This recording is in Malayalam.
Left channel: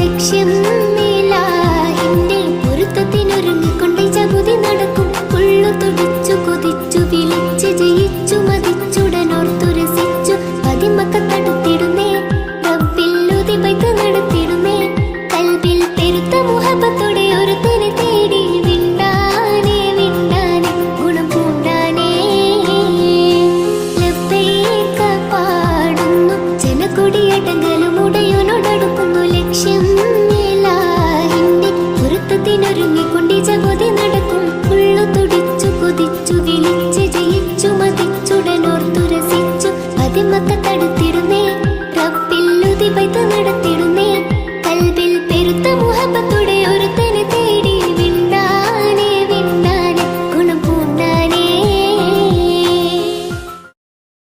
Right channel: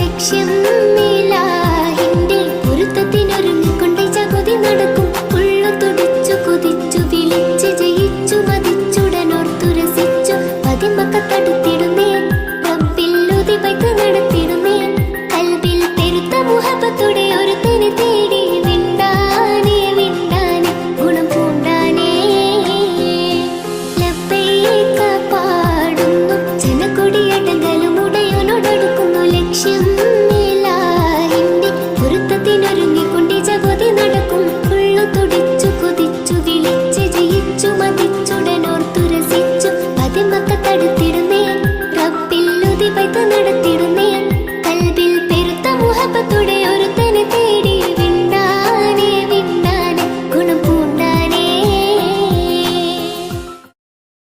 ലക്ഷ്യം നടത്തിടുന്നേ. കൽബിൽ പെരുത്ത മുഹബത്തോടെ പൊരുത്തത്തിനൊരുങ്ങിക്കൊണ്ട് ജപതി നടക്കും. ഉള്ളു തുടിച്ചു കുതിച്ചു വിളിച്ച് ജയിച്ചു മതിച്ചുടനോർത്തു രസിച്ചു. പതിമക്ക തടുത്തിടുന്നേ. റബ്ബിൽ ഉതിപൈത്ത് നടത്തിടുന്നേ. പെരുത്ത മുഹബത്തോടെ ഒരു തനി തേടി